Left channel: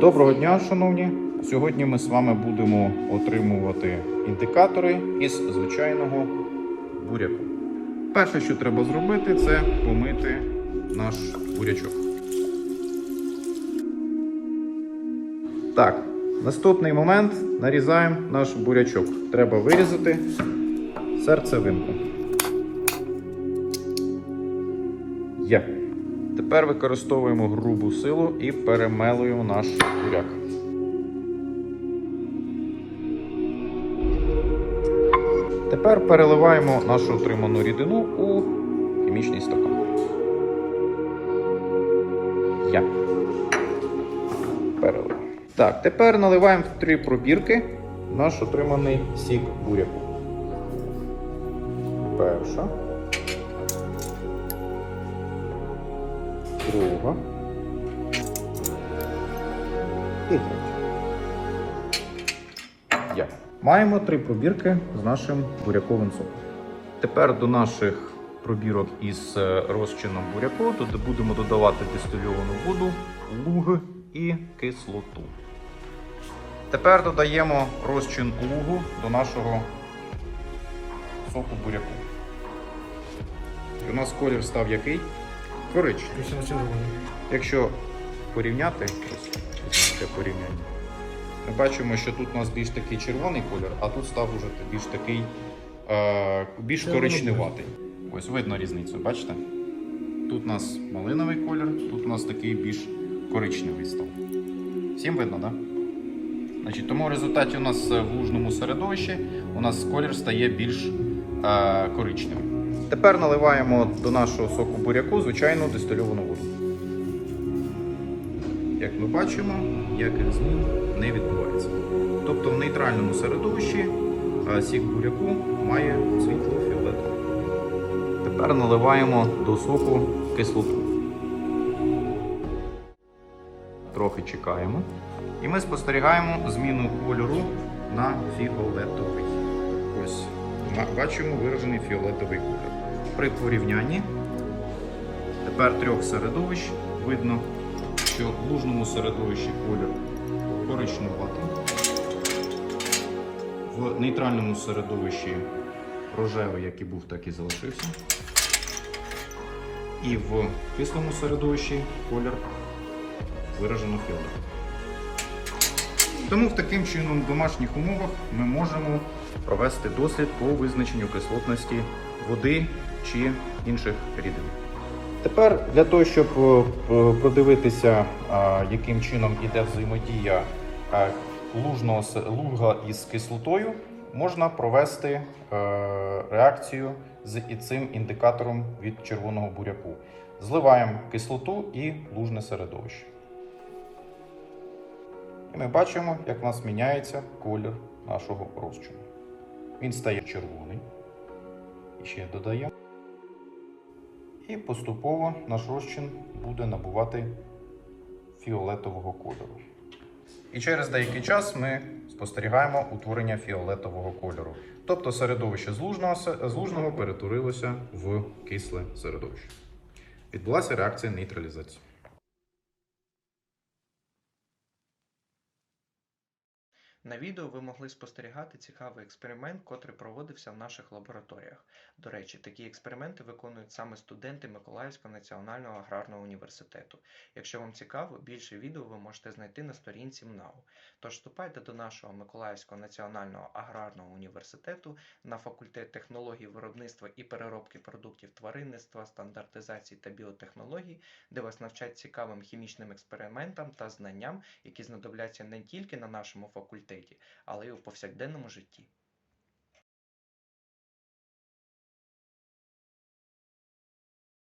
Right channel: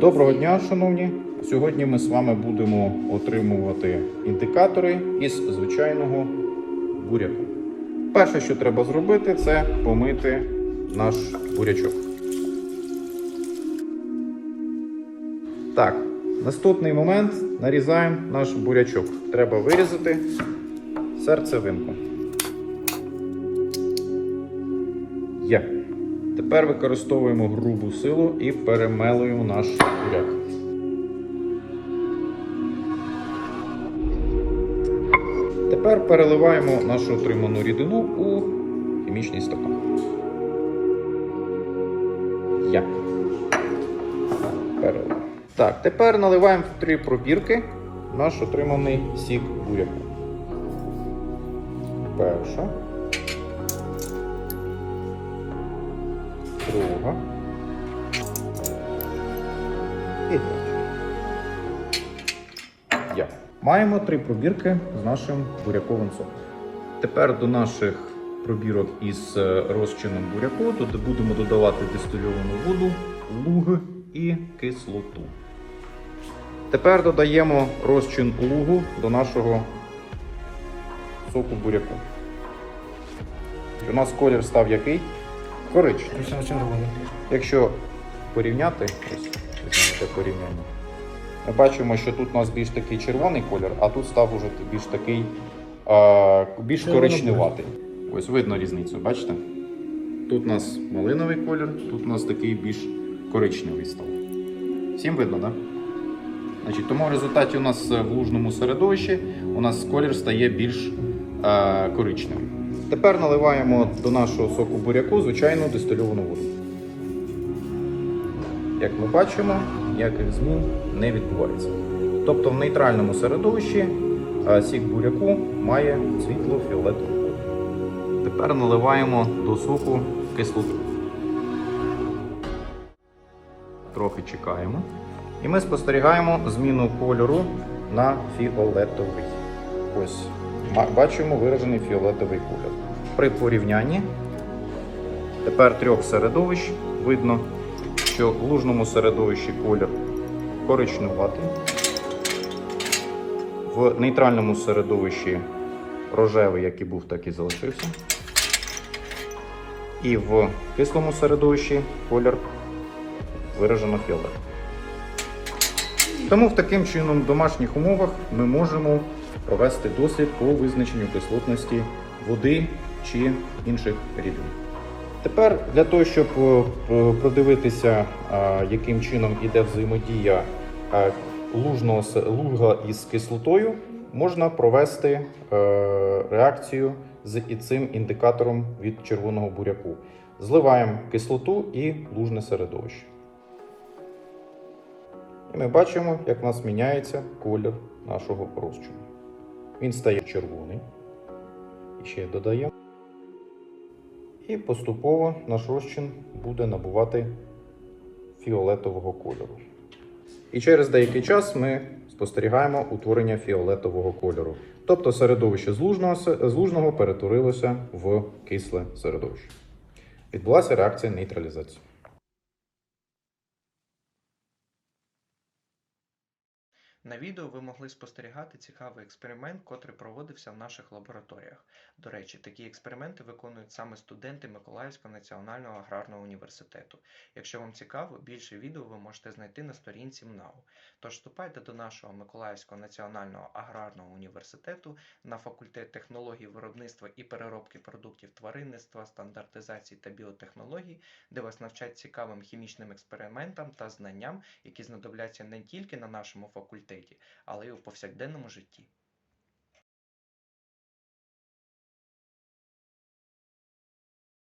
Доброго дня, шановні! Сьогодні ми з вами будемо отримувати індикатори із звичайного буряку. Перше, що треба зробити, це помити наш бурячок. Так, наступний момент нарізаємо наш бурячок. Треба вирізати серцевинку. Є. Тепер використовуємо грубу силу і перемелуємо наш буряк. Тепер переливаємо нашу отриману рідину у хімічний стакан. Я. Перелив. Так, тепер наливаємо в три пробірки наш отриманий сік буряку. Перша. Друга. Я. Маємо три пробірки з нашим буряковим соком. Тепер до наших пробірок із е, розчином буряку будемо додавати дистильовану воду, луг і кислоту. Тепер додаємо розчин лугу до нашого соку буряку. У нас колір став який? Коричневий. Якщо порівняти, ось порівняння, ми бачимо, що тут у нас більш такий червоний колір, а тут став уже більш такий е, більш коричневатий. Ось видно різницю, бачите? Тут у нас малиновий колір, тут у нас такий більш коричневий став. Всім видно, так? Да? Значить, тому в результаті у нас в лужному середовищі у нас колір стає більш е, коричневим. Тепер наливаємо до нашого соку буряку звичайну дистильовану воду. Як ми бачимо, ніяких змін не відбувається. Тобто в нейтральному середовищі е, сік буряку має світло-фіолетовий колір. Тепер наливаємо до соку кислоту. Трохи чекаємо. І ми спостерігаємо зміну кольору на фіолетовий. Ось бачимо виражений фіолетовий колір. При порівнянні тепер трьох середовищ видно, що в лужному середовищі колір коричневатий, в нейтральному середовищі рожевий, як і був, так і залишився. І в кислому середовищі колір виражено фіолетовий. Тому в таким чином в домашніх умовах ми можемо провести дослід по визначенню кислотності води чи інших рідин. Тепер для того, щоб е, продивитися, е, яким чином йде взаємодія е, луга із кислотою, можна провести реакцію з цим індикатором від червоного буряку. Зливаємо кислоту і лужне середовище. І ми бачимо, як у нас міняється колір нашого розчину. Він стає червоний. І ще додаємо. І поступово наш розчин буде набувати фіолетового кольору. І через деякий час ми спостерігаємо утворення фіолетового кольору. Тобто середовище з лужного, с- з лужного перетворилося в кисле середовище. Відбулася реакція нейтралізації. На відео ви могли спостерігати цікавий експеримент, котрий проводився в наших лабораторіях. До речі, такі експерименти виконують саме студенти Миколаївського національного аграрного університету. Якщо вам цікаво, більше відео ви можете знайти на сторінці МНАУ. Тож вступайте до нашого Миколаївського національного аграрного університету на факультет технологій виробництва і переробки продуктів тваринництва, стандартизації та біотехнологій, де вас навчать цікавим хімічним експериментам та знанням, які знадобляться не тільки на нашому факультеті, але й у повсякденному житті.